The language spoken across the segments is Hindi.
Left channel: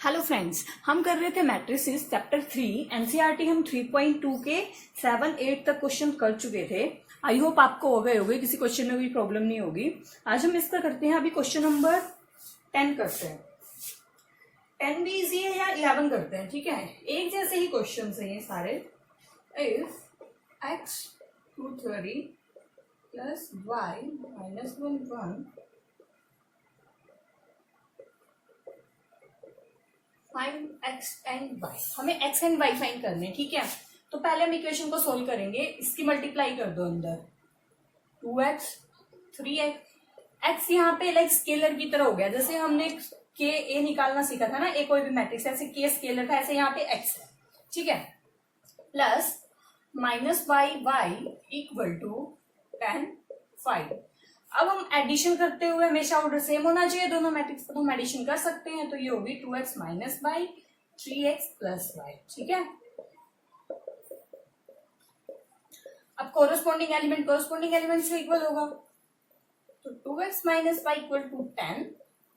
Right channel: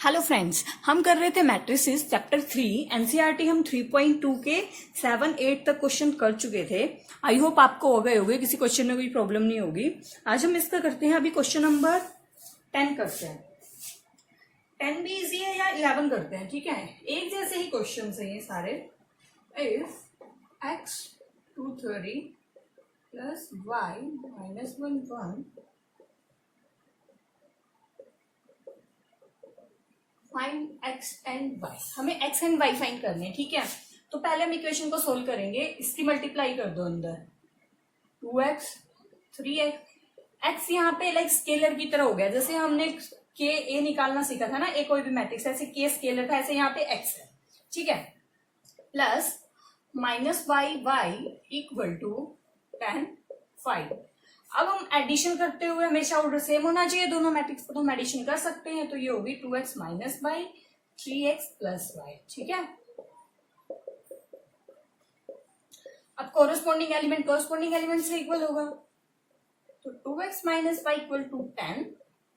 हेलो फ्रेंड्स, हम कर रहे थे मैट्रिसेस चैप्टर 3 एनसीईआरटी। हम 3.2 के 7-8 तक क्वेश्चन कर चुके थे। आई होप आपको हो गए होंगे, किसी क्वेश्चन में कोई प्रॉब्लम नहीं होगी। आज हम इसका करते हैं, अभी क्वेश्चन नंबर 10 करते हैं। 10 भी इजी है या 11 करते हैं, ठीक है। एक जैसे ही क्वेश्चन है ये सारे। If x 230 plus y minus 1 find x and y। हमें x एंड y फाइंड करने हैं, ठीक है। तो पहले हम इक्वेशन को सोल्व करेंगे। इसकी मल्टीप्लाई कर दो अंदर, 2x 3x। x यहाँ पे लाइक स्केलर की तरह हो गया, जैसे हमने के ए निकालना सीखा था ना, ए कोई भी मैट्रिक्स, ऐसे के स्केलर था, ऐसे यहाँ पे x है, ठीक है। Plus minus y equal to 10 5। अब हम एडिशन करते हुए हमेशा ऑर्डर सेम होना चाहिए दोनों मैट्रिक्स को, तो हम एडिशन कर सकते हैं। तो ये होगी 2x minus y 3x plus y, ठीक है। अब कोरोस्पोंडिंग एलिमेंट से इक्वल होगा, तो 2x minus y equal to 10,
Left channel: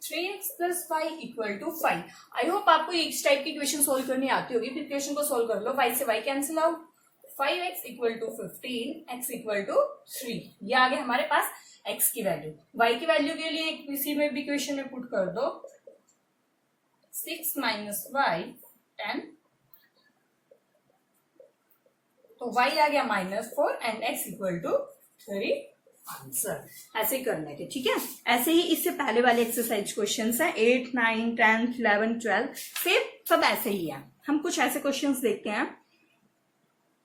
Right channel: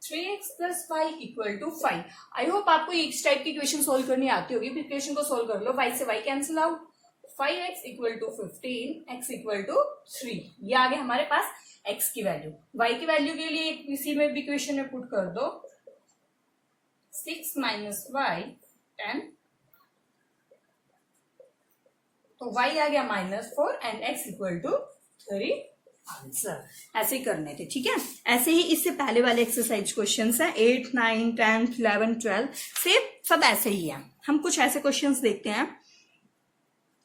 3x plus y equal to 5। I hope आपको इस टाइप की इक्वेशन सोल्व करनी आती होगी। फिर इक्वेशन को सोल्व कर लो, y से y cancel out, 5x equal to 15, x equal to 3। ये आ गया हमारे पास x की वैल्यू। y की वैल्यू के लिए इसी में भी इक्वेशन में पुट कर दो, 6 माइनस y 10, तो y आ गया -4 and x equal to 3। Answer ऐसे करने थे, ठीक है। ऐसे ही इससे पहले वाले एक्सरसाइज क्वेश्चंस हैं 8, 9, 10, 11, 12 सेम सब ऐसे ही है। हम कुछ ऐसे क्वेश्चंस देखते हैं,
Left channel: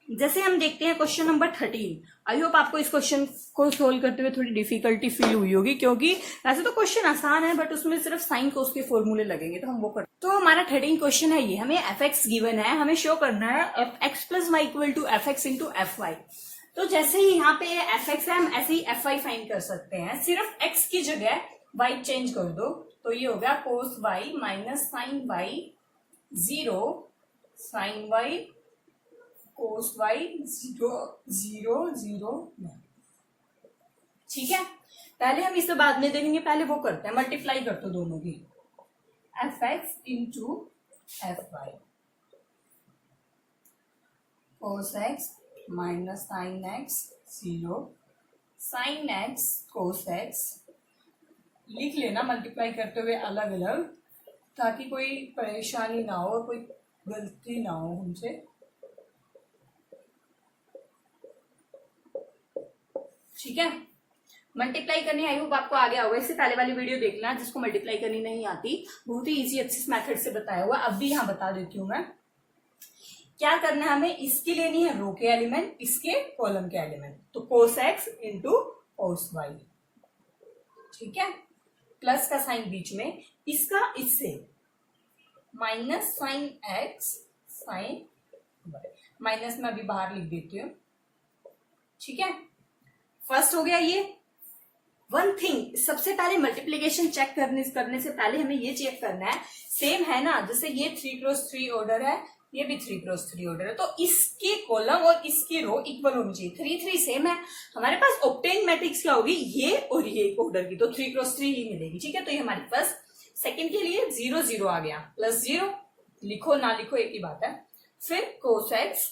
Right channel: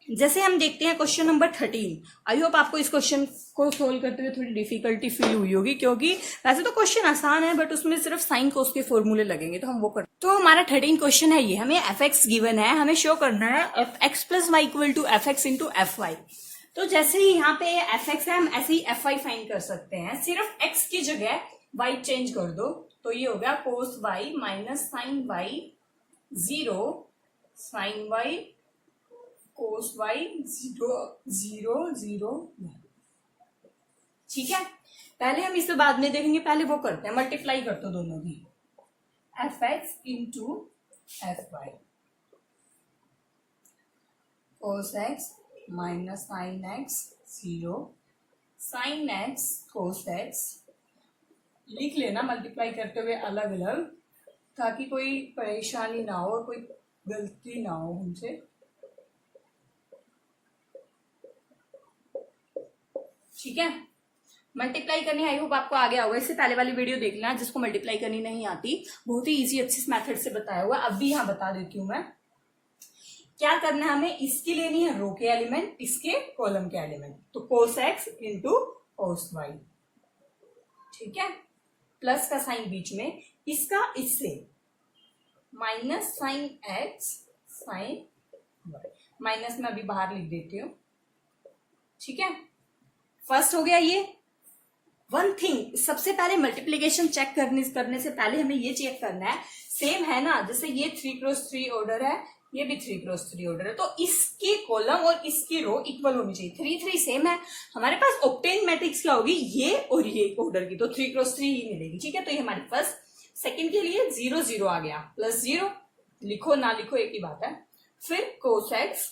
जैसे हम देखते हैं क्वेश्चन नंबर 13। आई होप आपको इस क्वेश्चन को सोल्व करते हुए थोड़ी डिफिकल्टी फील हुई होगी, क्योंकि वैसे तो क्वेश्चन आसान है बट उसमें सिर्फ साइन कोस के फॉर्मूले लगेंगे, तो हम वो करते। तो हमारा 13 क्वेश्चन है ये, हमें fx गिवन है, हमें शो करना है fx plus Y equal to fx into fy। तो जैसे ही यहाँ पे ये fx है, हम ऐसे ही fy फाइंड कर सकते हैं। सिर्फ x की जगह y चेंज कर दो, तो ये हो गया cos y minus sine y 0 sine y cos y 0 0 0 1, ठीक है। पहले हम इसे बाद में देखेंगे, पहले वो करते हैं, मल्टीप्लाई कर दो दोनों की, fx into fy cos x minus sine x 0 sine x cos x। लिख लेना मल्टीप्लाई करते हुए अलग अलग, ताकि कोई परेशानी ना हो, कोई गलती ना हो हमसे। ठीक है, मल्टीप्लाई करनी आई होप आपको आ गया होगा। इससे पहले वाली वीडियो देख लेना जिसको मल्टीप्लाई करनी नहीं आती, बहुत ही इजी अच्छे मेथड से बताया हुआ। अब भी यहाँ बता देती हूँ मैं क्या करना है। हमें इसकी लेनी है रो के एलिमेंट, इसके कॉलम के एलिमेंट, तो कोस x इंटू कोस y, ठीक है। प्लस का साइन बीच में, इसका इससे minus sine x sine y, minus में अभी बाहर लिख देती हूँ, ठीक है। फर्स्ट हो गया ये। वन थिंग, सबसे पहले मल्टीप्लीकेशन चेक करने से पहले हमें ये चेक करना है सेम है ना। जैसे ये 3x3 ऑर्डर है, ये भी 3x3 ऑर्डर है, तो इसके कॉलम और इसकी रो इक्वल होनी चाहिए। 3 3 सेम है, हमारे पास ऑब्टेन मैट्रिक्स क्या होगी, ये और ये ऑर्डर की, तो 3x3 ही मिलेगी, ठीक है। तो ये हमारे पास सेकंड के लिए 0 0 आ गया, प्लस 0 लिखो ना लिखो एक ही बात है। फिर cos x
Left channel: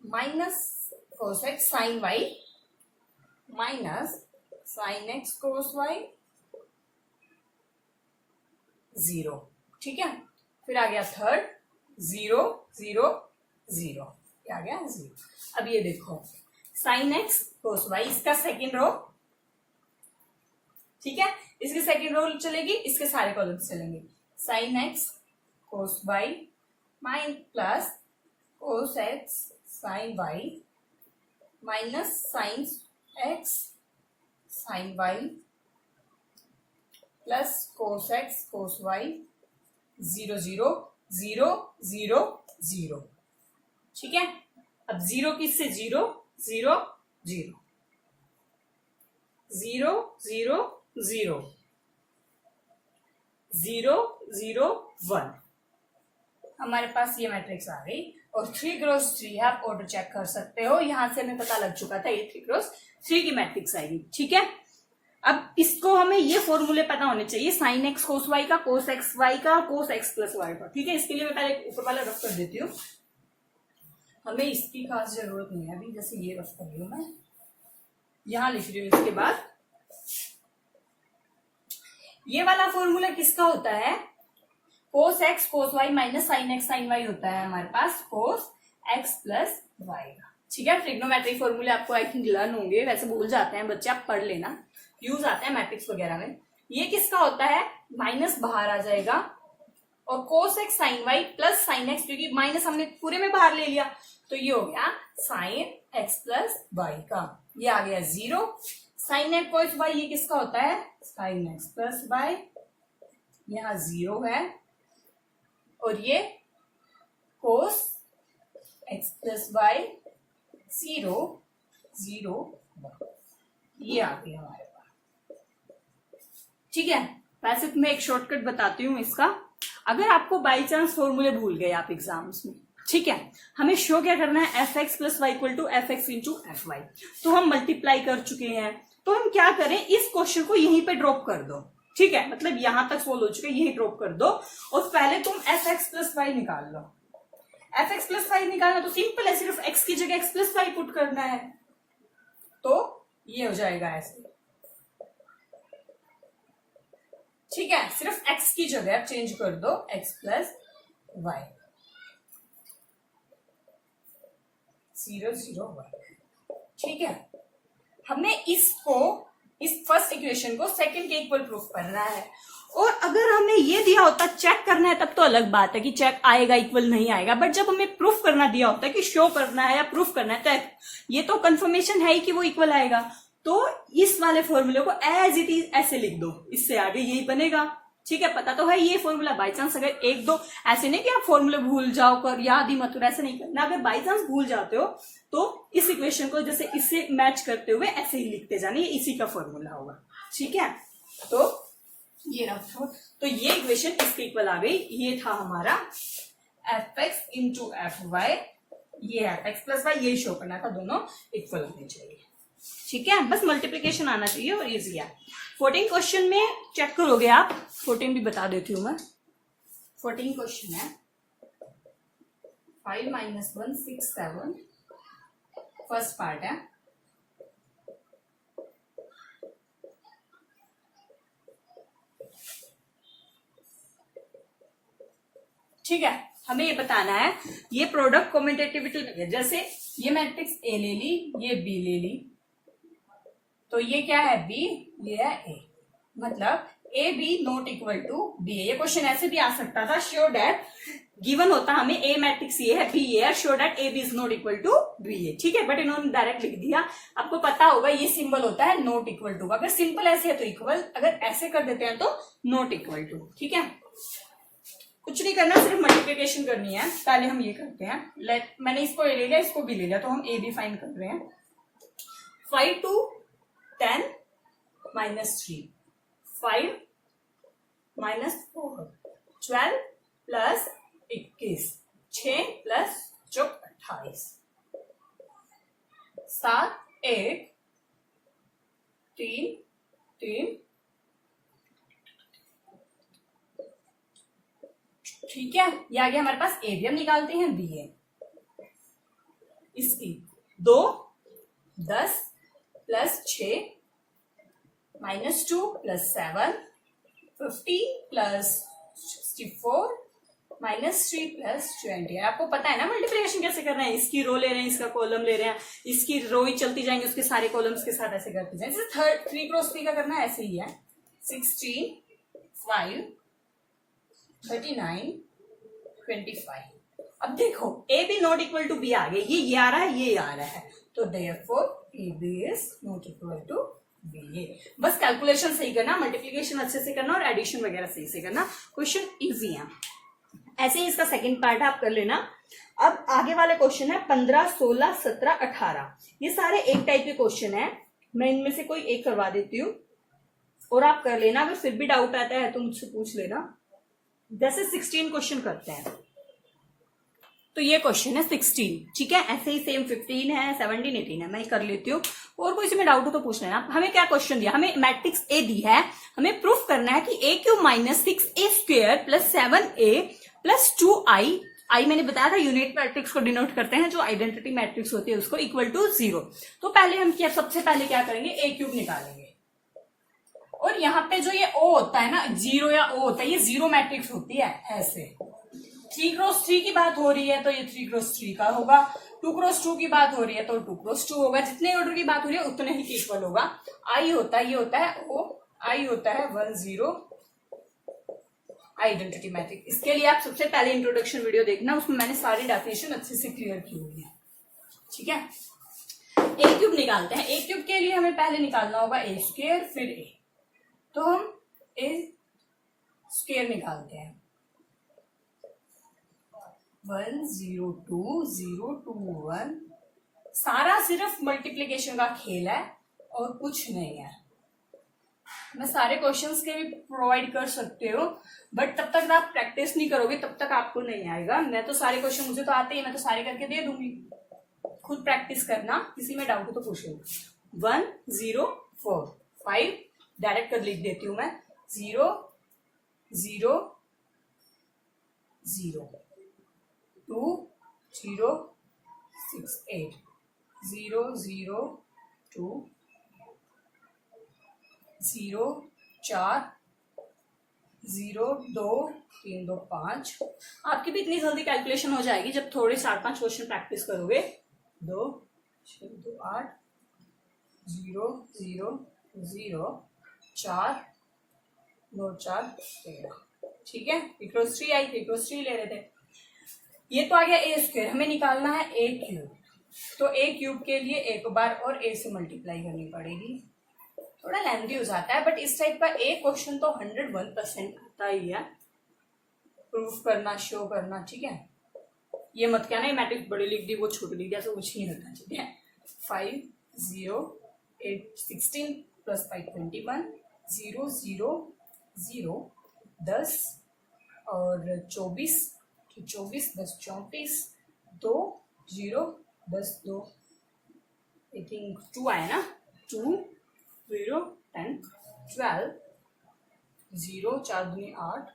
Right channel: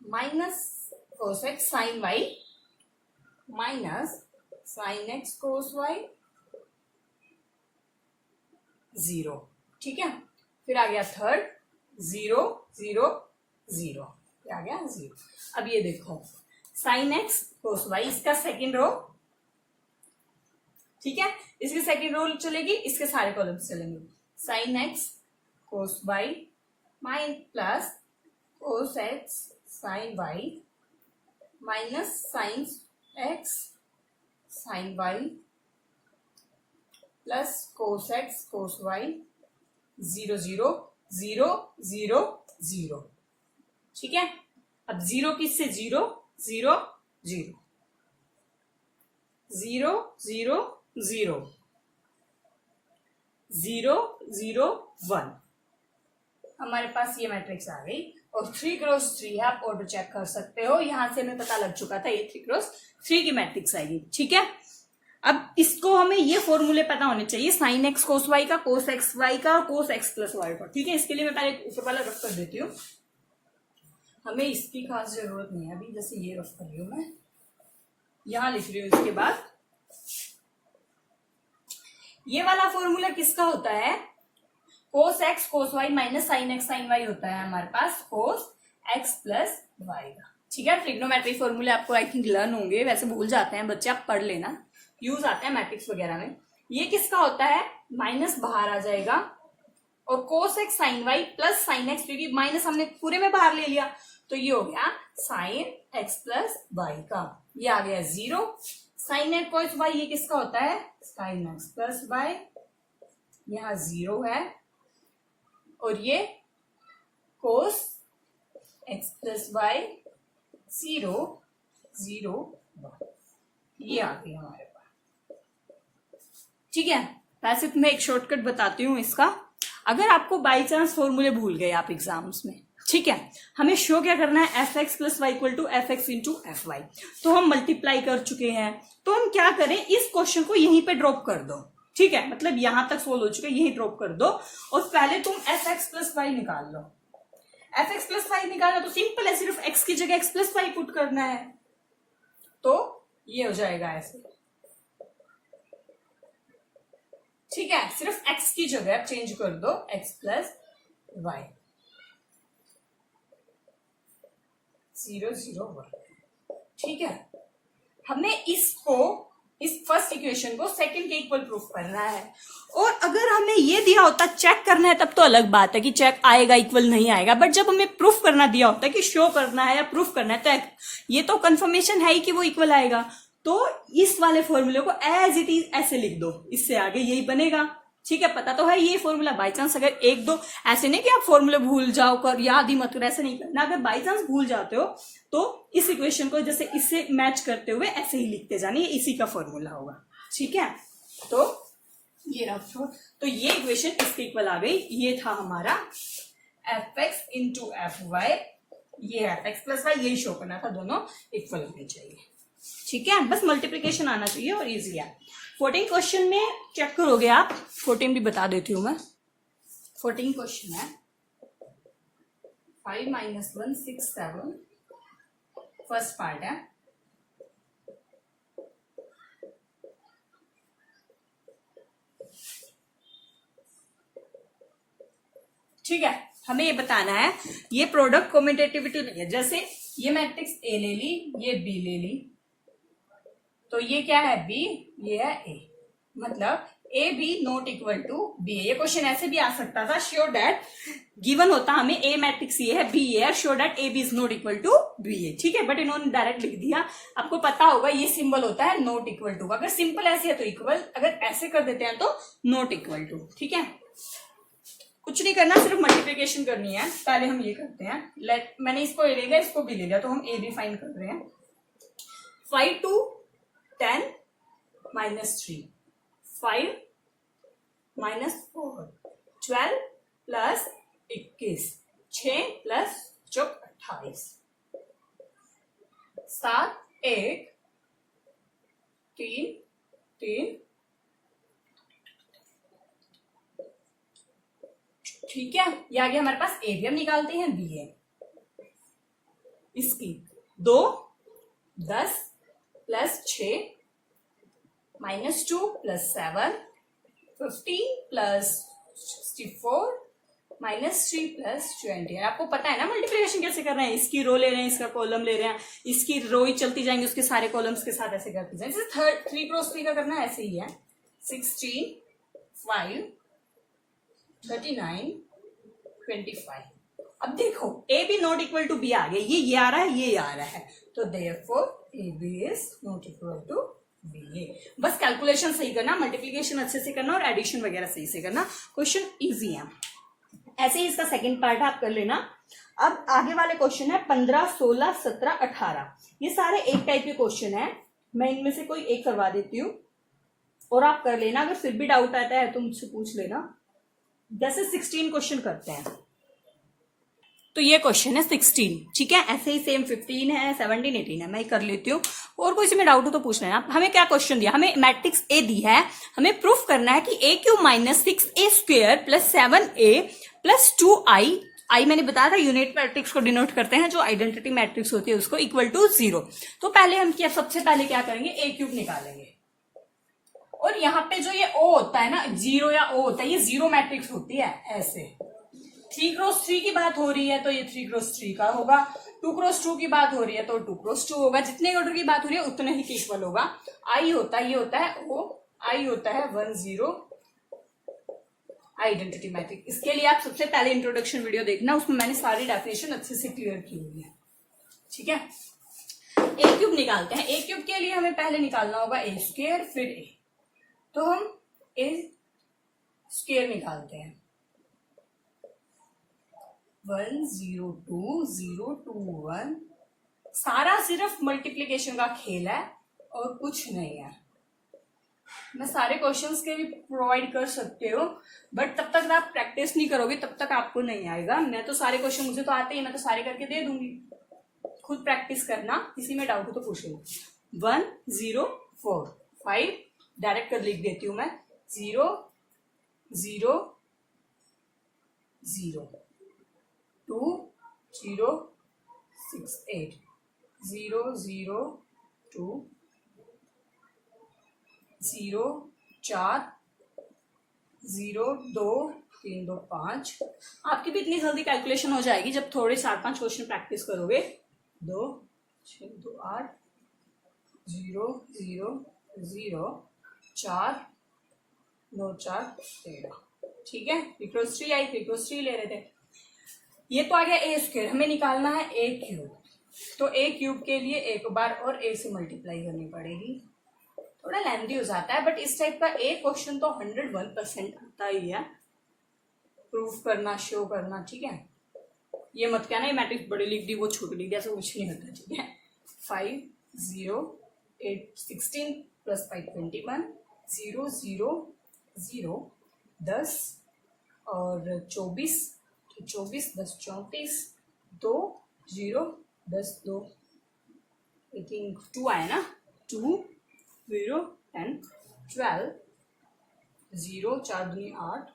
minus cos x sine y minus sine x cos y 0, ठीक है। फिर आ गया थर्ड 0 0 0, ये आ गया 0। अब ये देखो साइन x कोस y, इसका सेकेंड रो, ठीक है। इसकी सेकेंड रो चलेगी, इसके सारे कॉलम चलेंगे। Sine x cos y minus plus cos x sine y minus sine x sine y plus cos x cos y 0 0 0 0 0, ठीक है। अब 0 किससे 0 0 0 0 0 0 0 0 1, हमारे पास ये मैट्रिक्स आ गई। और 3x3 है, आप ऑर्डर चेक कर सकते हो, यहां से हमें पता लग चुका था ये 3x3 की मैट्रिक्स आएगी, ठीक है। अब इसको हमें ये फॉर्मूले पता होने चाहिए, साइन एक्स कोस वाई का, कोस एक्स वाई का, कोस एक्स प्लस वाई का। ठीक है, इसके लिए मैं पहले ऊपर वाला रफ कर देती हूँ, हमें इसकी खास जरूरत नहीं है अभी। जैसे ये रफ कर रही हूं मैं, यहां लिख रही हूं। इसके बाद ये वाला फॉर्मूला किसका होता है, cos x cos y minus sin x sign y होता है हमारे पास कोस एक्स प्लस वाई का। ठीक है, ट्रिग्नोमेट्री फॉर्मूले आपको आई थिंक लर्न होंगे, वैसे भूल जाते हैं बच्चे, आप पढ़ लेना, यूज आते हैं मैट्रिक्स वगैरह में। ये किसका होता है, माइनस बाहर आ जाएगा, और cos x sign y plus sine x, क्योंकि माइनस हमने पूरे में बाहर ले लिया, तो ये हो गया साइन एक्स प्लस वाई का। ये आ गया 0। साइन एक्स कोस वाई ये किसका होता है, साइन एक्स प्लस वाई, यहां 0 है, और ये कोस एक्स प्लस वाई 0 0 ये आ गया हमारे पास। ठीक है, वैसे तो मैं एक शॉर्टकट बताती हूँ इसका। अगर आपको बाई चांस फॉर्मूले भूल गए आप एग्जाम्स में, ठीक है, हमें शो क्या करना है, F X plus Y equal to F X into F Y. तो हम मल्टीप्लाई कर चुके हैं, तो हम क्या करें, इस क्वेश्चन को यहीं पे ड्रॉप कर दो। ठीक है, मतलब यहां तक सोल्व हो चुके, यही ड्रॉप कर दो, और पहले तुम एफ एक्स प्लस वाई निकाल लो। एफ एक्स प्लस वाई निकालना तो सिंपल है, सिर्फ एक्स की जगह एक्स प्लस वाई पुट करना है, तो ये हो जाएगा ऐसे। ठीक है, सिर्फ एक्स की जगह आप चेंज कर दो एक्स प्लस वाई 0 0 1। ठीक है, हमें इसको, इस फर्स्ट इक्वेशन को सेकंड के इक्वल प्रूफ करना है। और अगर हमें ये दिया होता चेक करना है, तब तो अलग बात है कि चेक आएगा इक्वल नहीं आएगा, बट जब हमें प्रूफ करना दिया होता है कि शो करना है या प्रूफ करना है, तो ये तो कंफर्मेशन है ही कि वो इक्वल आएगा। तो इस वाले फॉर्मूले को एज इट इज ऐसे लिख दो, इससे आगे यही बनेगा। ठीक है, पता तो है ये फॉर्मूला, बाई चांस अगर एक दो, ऐसे नहीं कि आप फॉर्मूले भूल जाओ कर याद ही मत करो, ऐसे नहीं करना। अगर बाई चांस भूल जाते हो तो इस इक्वेशन को जैसे इससे मैच करते हुए ऐसे ही लिखते जाने, ये इसी का फॉर्मूला होगा। ठीक है, तो ये रखो, तो ये इक्वेशन इसके इक्वल आ गई। ये था हमारा F X into F Y, ये एफ एक्स प्लस वाई, ये शो करना था, दोनों इक्वल होने चाहिए। ठीक है, बस मल्टीप्लिकेशन आना चाहिए और इजी है। 14 क्वेश्चन में चेक करोगे आप, 14 भी बता देती हूं मैं। 14 क्वेश्चन है 5 - 1 6 7, फर्स्ट पार्ट है। ठीक है, हमें ये बताना है ये प्रोडक्ट कॉम्यूटेटिविटी नहीं है। जैसे ये मैट्रिक्स ए ले ली, ये बी ले ली, तो ये क्या है बी, ये है ए, मतलब A B not equal to B A. ये क्वेश्चन ऐसे भी आ सकता था, श्योर डैट गिवन होता हमें ए मैट्रिक्स ये है, बी ए है, sure that A B is not equal to B A. ठीक है, बट इन्होंने डायरेक्ट लिख दिया। आपको पता होगा ये सिंबल होता है नॉट इक्वल टू, अगर सिंपल ऐसे है तो इक्वल, अगर ऐसे कर देते हैं तो नॉट इक्वल टू। ठीक है, कुछ नहीं करना, सिर्फ मल्टीप्लिकेशन करनी है। पहले हम ये करते हैं, मैंने इसको ए ले लिया, इसको बी ले लिया, तो हम ए बी फाइंड कर रहे हैं। 5 to 10 -3, 5 - 4, 12 + 21, 6 + 28, 7 1 3 3। ठीक है, ये आ गया हमारे पास ए बी। हम निकालते हैं बी ए, इसकी 2 10 + 6 -2 + 7 15 + 64 -3 + 20। आपको पता है ना मल्टीप्लिकेशन कैसे करना है, इसकी रो ले रहे हैं, इसका कॉलम ले रहे हैं, इसकी रो ही चलती जाएंगे, उसके सारे कॉलम्स के साथ ऐसे करते जाएंगे। 3 × 3 का करना है, ऐसे ही है। 16 5 39 25। अब देखो A B not equal to B आ गया, ये आ रहा है, ये आ रहा है, तो therefore A B is not equal to B A. बस कैलकुलेशन सही करना, मल्टीप्लिकेशन अच्छे से करना और एडिशन वगैरह सही से करना, क्वेश्चन इजी है। ऐसे ही इसका सेकंड पार्ट आप कर लेना। अब आगे वाले क्वेश्चन है 15 16 17 18। ये सारे एक टाइप के क्वेश्चन है, मैं इनमें से कोई एक करवा देती हूँ और आप कर लेना। अगर फिर भी डाउट आता है तो मुझसे पूछ लेना। जैसे 16 क्वेश्चन करते हैं। तो ये क्वेश्चन है 16, ठीक है। ऐसे ही सेम 15 है, 17, 18 है, मैं कर लेती हूँ। और कोई में डाउट हो तो पूछ लेना। हमें क्या क्वेश्चन दिया, हमें मैट्रिक्स ए दी है, हमें प्रूफ करना है कि a cube minus 6a square plus 7a plus 2i, I मैंने बताया था यूनिट मैट्रिक्स को डिनोट करते हैं, जो आइडेंटिटी मैट्रिक्स होती है उसको, इक्वल टू 0। तो पहले हम क्या, सबसे पहले क्या करेंगे, ए क्यूब निकालेंगे। और यहाँ पे जो ये ओ होता है ना, 0 या ओ होता है, ये 0 मैट्रिक्स होती है। ऐसे 3x3 की बात हो रही है तो ये 3x3 का होगा, 2x2 की बात हो रही है तो 2x2 होगा, जितने ऑर्डर की बात हो रही है उतने ही इक्वल होगा। आई होता है, ये होता है ओ, आई होता है 1 0 आइडेंटिटी मैट्रिक्स। इसके लिए आप सबसे पहले इंट्रोडक्शन वीडियो देखना, उसमें मैंने सारी डेफिनेशन अच्छे से क्लियर की हुई है, ठीक है। ए क्यूब निकालते हैं। ए क्यूब के लिए हमें पहले निकालना होगा ए स्क्वायर फिर ए, तो हम ए स्क्वायर निकालते हैं। 1 0 2 0 2 1, सारा सिर्फ मल्टीप्लीकेशन का खेल है और कुछ नहीं है। मैं सारे क्वेश्चंस के भी प्रोवाइड कर सकते हो, बट तब तक आप प्रैक्टिस नहीं करोगे तब तक आपको नहीं आएगा। मैं तो सारे क्वेश्चन, मुझे तो आते ही, मैं तो सारे करके दे दूंगी, खुद प्रैक्टिस करना। किसी में डाउट हो तो पूछ लो। 1 0 4 5 डायरेक्ट कर लिख देती हूं मैं, 0 0 0 2 0 6 8 0 0 2 0 4 0 2 3 2 5। आपकी भी इतनी जल्दी कैलकुलेशन हो जाएगी जब थोड़े 4-5 क्वेश्चन प्रैक्टिस करोगे। 2 6 2 8 0 0 0 4 2 4 13, ठीक है। 3x3 आई, 3x3 ले रहे थे। ये तो आ गया ए स्क्वायर, हमें निकालना है ए क्यूब। तो ए क्यूब के लिए एक बार और ए से मल्टीप्लाई करनी पड़ेगी, थोड़ा लेंथी हो जाता है, बट इस टाइप का एक क्वेश्चन तो 101% आता ही है। प्रूफ करना, शो करना, ठीक है। ये मत कहना ये मैट्रिक्स बड़ी लिख दी वो छोटी लिख दी, ऐसा कुछ नहीं होता, ठीक है। 5 0 8 16 प्लस 5 21 0 0 0 10 और 24, 24 10 34 2 0 10 2, आई थिंक 2 आया ना, 2 0 10 12 0 4 दूनी 8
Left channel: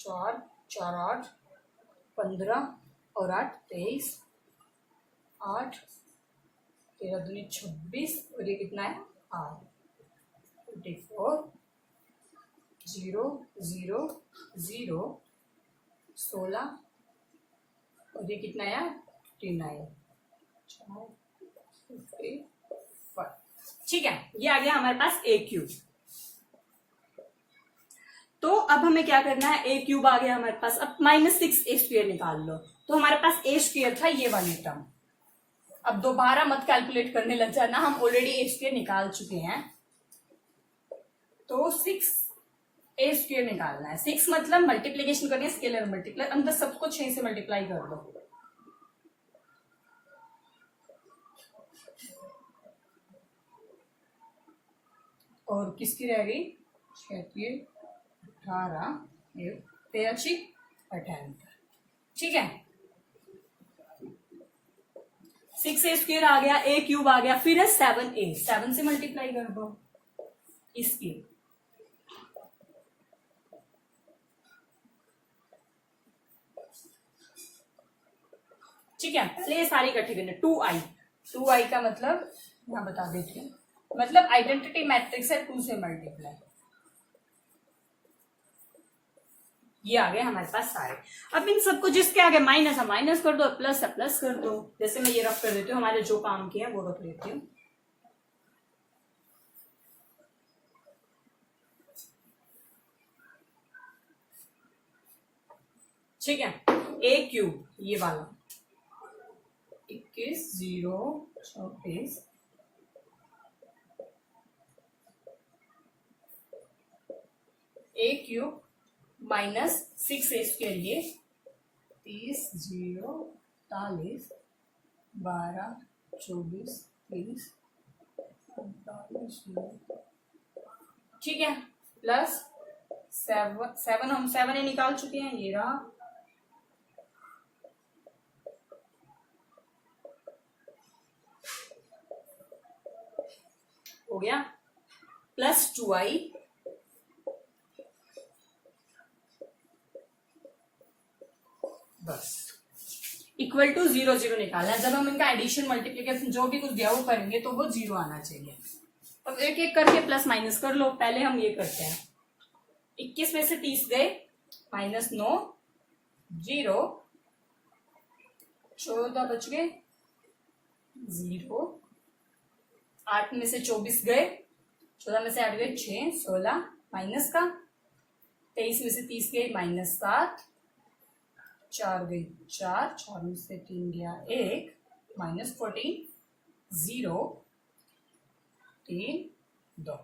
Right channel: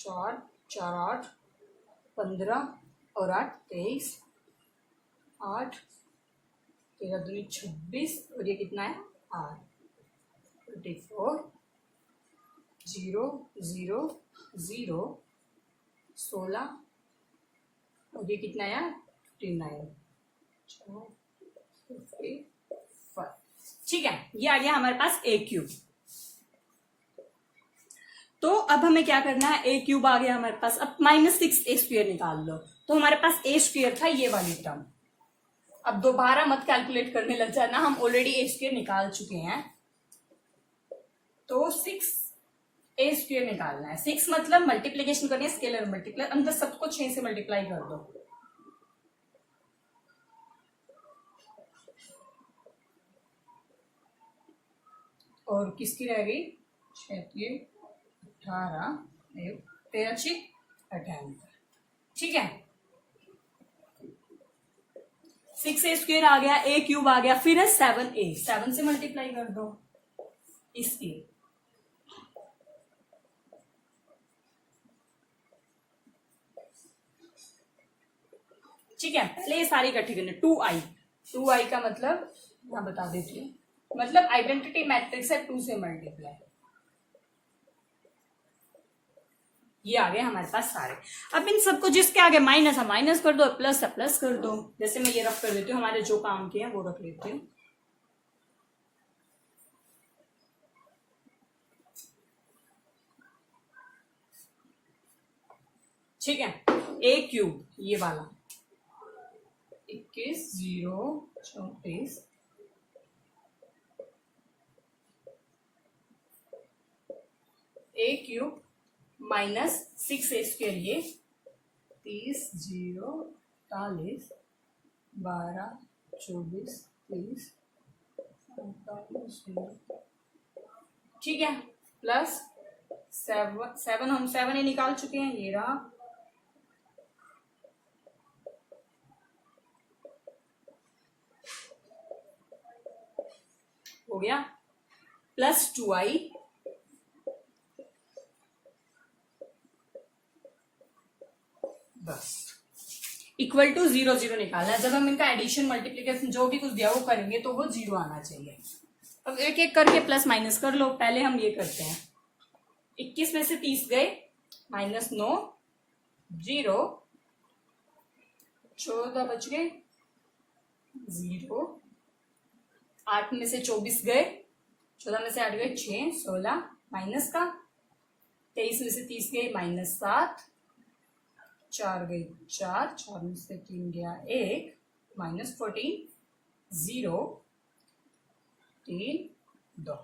4 4 8 15 और 8 23 8 13 दूनी 26 और ये कितना है 8 24 0 0 0 16 और ये कितना है 59 4 ठीक है। ये आ गया हमारे पास ए क्यूब। तो अब हमें क्या करना है, ए क्यूब आ गया हमारे पास, अब -6 ए स्क्वायर निकाल लो। तो हमारे पास ए स्क्वायर था ये वाली टर्म, अब दोबारा मत कैलकुलेट करने लग जाना, हम ऑलरेडी ए स्क्वायर निकाल चुके हैं। तो 6 ए स्क्वायर निकालना है। 6 मतलब मल्टीप्लीकेशन करनी है, स्केलर मल्टीप्लाई, अंदर सबको 6 से मल्टीप्लाई कर दो। और किसकी रह गई 6 18 13 18, ठीक है। 6 ए स्क्वायर आ गया, ए क्यूब आ गया, फिर है 7 ए, 7 से मल्टीप्लाई कर दो इसकी। ठीक है, पहले ये सारी इकट्ठी करने। 2i का मतलब यहां बता देती हूँ, मतलब आइडेंटिटी मैट्रिक्स है 2 से मल्टीप्लाई। ये आ गए हमारे पास सारे। अब इन सबको जिसके आगे माइनस है माइनस कर दो, प्लस है प्लस कर दो। जैसे मैं ये रफ कर देती हूँ, हमारे जो काम किए हैं वो रख लेती हूँ। ठीक है, ए क्यूब ये वाला 21 0 34 ए क्यूब -6 ए स्क्वायर, ये 30 0 40 12 24 30 45, ठीक है, प्लस 7 हम 7 ए निकाल चुके हैं, ये रहा हो गया प्लस 2i बस इक्वल टू 0 0 निकालना है। जब हम इनका एडिशन मल्टीप्लीकेशन जो भी कुछ दिया वो करेंगे तो वो 0 आना चाहिए। अब एक एक करके प्लस माइनस कर लो। पहले हम ये करते हैं, 21 में से 30 गए, -9 0, 14 बच गए 0, 8 में से 24 गए, 14 में से 8 गए 6, 16 माइनस का, 23 में से 30 गए -7, 4 गई 4, 4 में से 3 गया 1, -14 0 3 2।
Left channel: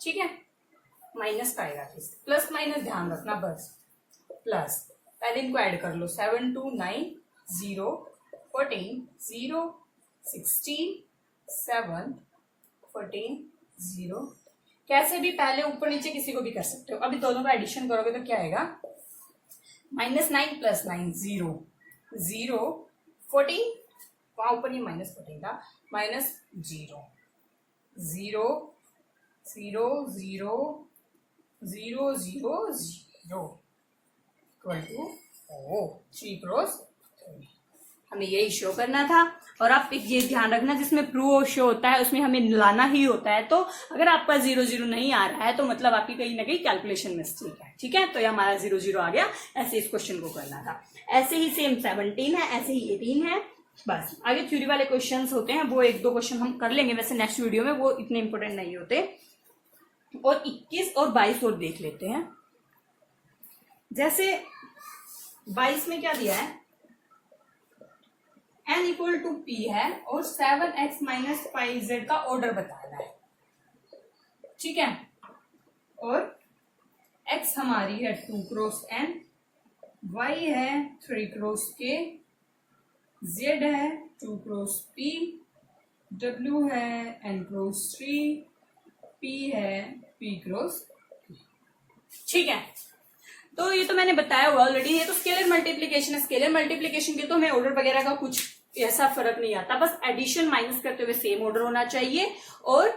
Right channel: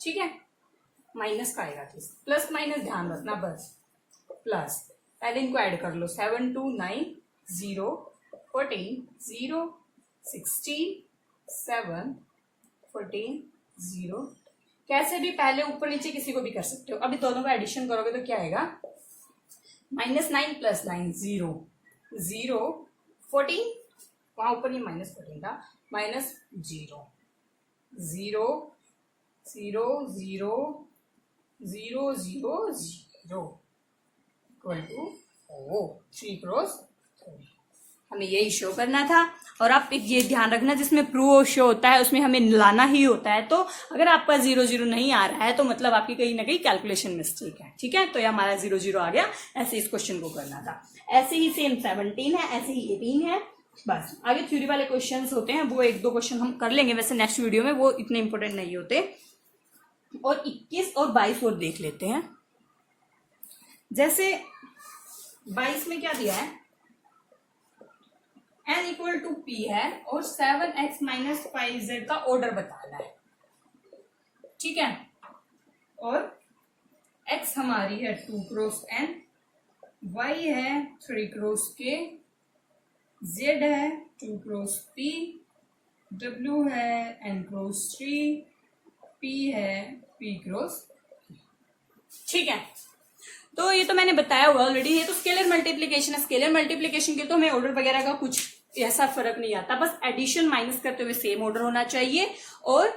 ठीक है, माइनस का आएगा, प्लस माइनस ध्यान रखना बस। प्लस पहले इनको ऐड कर लो, 7 2 9 0 14 0 16 7 14 0। कैसे भी पहले ऊपर नीचे किसी को भी कर सकते हो। अभी दोनों का एडिशन करोगे तो क्या आएगा, -9 + 9 0 0 14, वहां ऊपर ही -14 था, -0 0 0 0 0 0 0 इक्वल टू 3 क्रॉस 3। हमें यही शो करना था। और आप ये ध्यान रखना, जिसमें प्रूव शो होता है उसमें हमें लाना ही होता है। तो अगर आपका 0 0 नहीं आ रहा है तो मतलब आपकी कहीं ना कहीं कैलकुलेशन मिस्टेक है। ठीक है, तो ये हमारा 0 0 आ गया। ऐसे इस क्वेश्चन को करना था। ऐसे ही सेम 17 है, ऐसे ही 18 है। बस आगे थ्योरी वाले क्वेश्चंस होते हैं, वो 1 2 क्वेश्चन हम कर लेंगे वैसे नेक्स्ट वीडियो में, वो इतने इंपॉर्टेंट नहीं होते। और 21 और 22 और देख लेते हैं। जैसे 22 में क्या दिया है, n = p है और 7x - 5z का ऑर्डर बताना है। ठीक है, और x हमारी है 2 क्रॉस n, y है 3 क्रॉस k, z है 2 क्रॉस p, w है n क्रॉस 3, p है p क्रॉस। ठीक है, तो ये तो मैंने बताया हुआ ऑलरेडी। ये तो स्केलर मल्टीप्लीकेशन है। स्केलर मल्टीप्लीकेशन के तो हमें ऑर्डर वगैरह का कुछ ऐसा फर्क नहीं आता, बस एडिशन माइनस करते हुए सेम ऑर्डर होना चाहिए और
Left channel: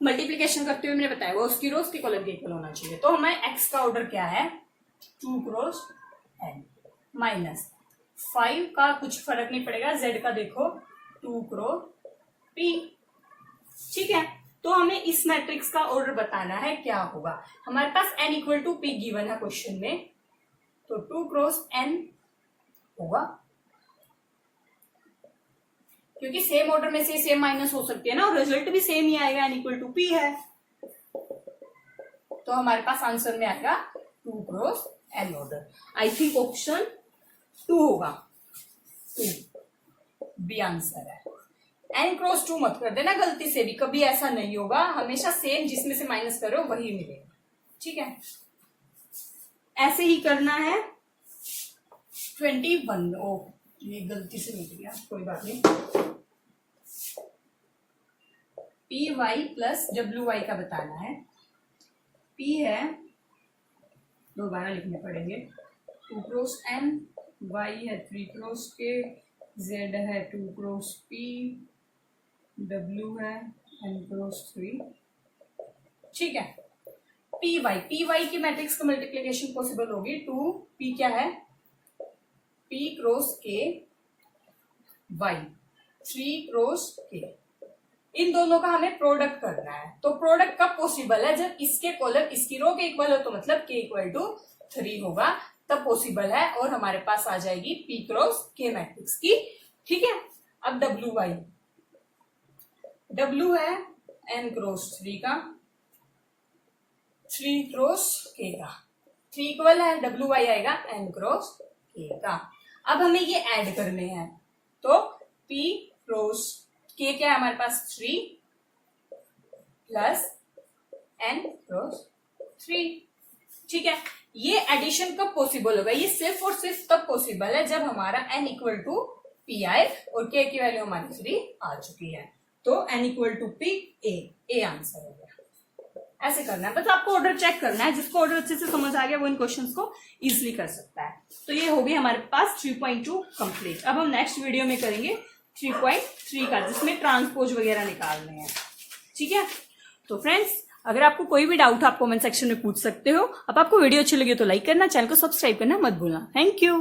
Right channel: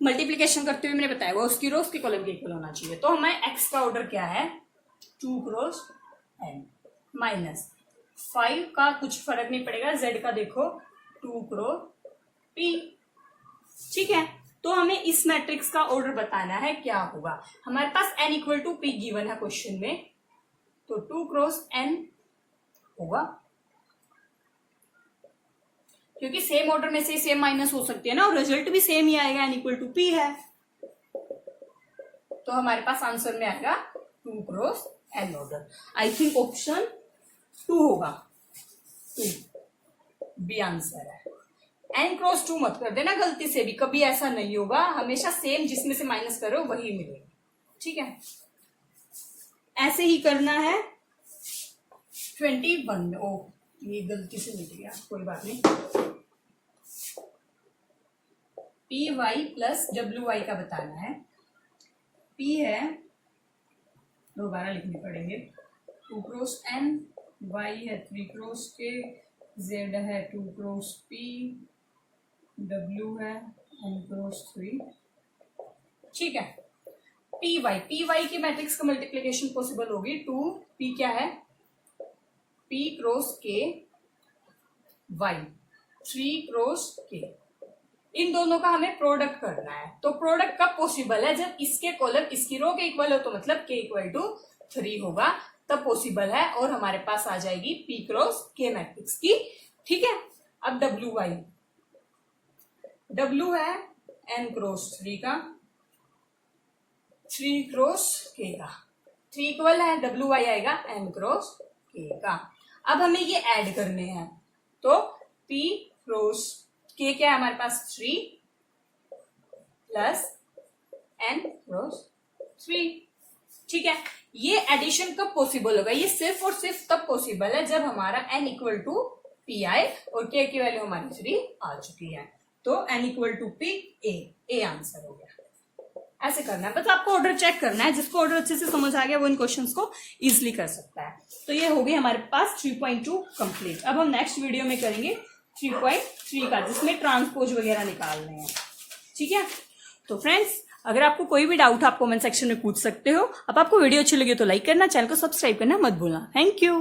मल्टीप्लीकेशन करते हुए मैंने बताया हुआ उसकी रो उसके कॉलम के इक्वल होना चाहिए। तो हमारे एक्स का ऑर्डर क्या है, 2 क्रॉस n, -5 का कुछ फर्क नहीं पड़ेगा, z का देखो 2 क्रॉस p। ठीक है, तो हमें इस मैट्रिक्स का ऑर्डर बताना है क्या होगा। हमारे पास n = p गिवन है क्वेश्चन में, तो 2 क्रॉस n होगा, क्योंकि सेम ऑर्डर में से सेम माइनस हो सकती है ना, और रिजल्ट भी सेम ही आएगा, n = p है। तो हमारे पास आंसर में आएगा 2 cross n order. I think option 2 होगा, 2 बी आंसर है। n क्रॉस 2 मत कर देना गलती से भी, कभी ऐसा नहीं होगा, हमेशा सेम जिसमें से माइनस करो वही मिलेगा। ठीक है, ऐसे ही करना है 21। ओ ये गलती से मिल गया, कोई बात नहीं। py + wy का बताना है। p है, दोबारा लिखने पड़ेंगे, 2 क्रॉस n, y है 3 क्रॉस k, z है 2 क्रॉस p, w है n क्रॉस 3। ठीक है, py की मैट्रिक्स का मल्टीप्लीकेशन पॉसिबल होगी। 2p क्या है, p cross k, y 3 cross k, इन दोनों का हमें प्रोडक्ट करना है। तो प्रोडक्ट कब पॉसिबल है, जब इसके कॉलम इसकी रो के इक्वल हो, तो मतलब k = 3 होगा, तब पॉसिबल है। और हमारे पास आ जाएगी p क्रॉस k मैट्रिक्स की। ठीक है, अब w है n क्रॉस 3 का, 3 क्रॉस k का, 3 इक्वल है, wy आएगा n क्रॉस k का। अब हमें ये ऐड करने हैं, तो p क्रॉस k क्या है हमारे पास, 3 प्लस n क्रॉस 3। ठीक है, ये एडिशन कब पॉसिबल होगा, ये सिर्फ और सिर्फ तब पॉसिबल है जब हमारा n = p आए और k की वैल्यू हमारी 3 आ चुकी है। तो n = p, a आंसर हो गया। ऐसे करना है, बस आपको ऑर्डर चेक करना है। जिसको ऑर्डर अच्छे से समझ आ गया वो इन क्वेश्चंस को इजीली कर सकता है। तो ये होगी हमारे पास 3.2 कंप्लीट। अब हम नेक्स्ट वीडियो में करेंगे 3.3 का, जिसमें ट्रांसपोज वगैरह निकालने हैं। ठीक है। तो फ्रेंड्स, अगर आपको कोई भी डाउट आप कमेंट सेक्शन में पूछ सकते हो। अब आपको वीडियो अच्छी लगी तो लाइक करना, चैनल को सब्सक्राइब करना मत भूलना। Thank you.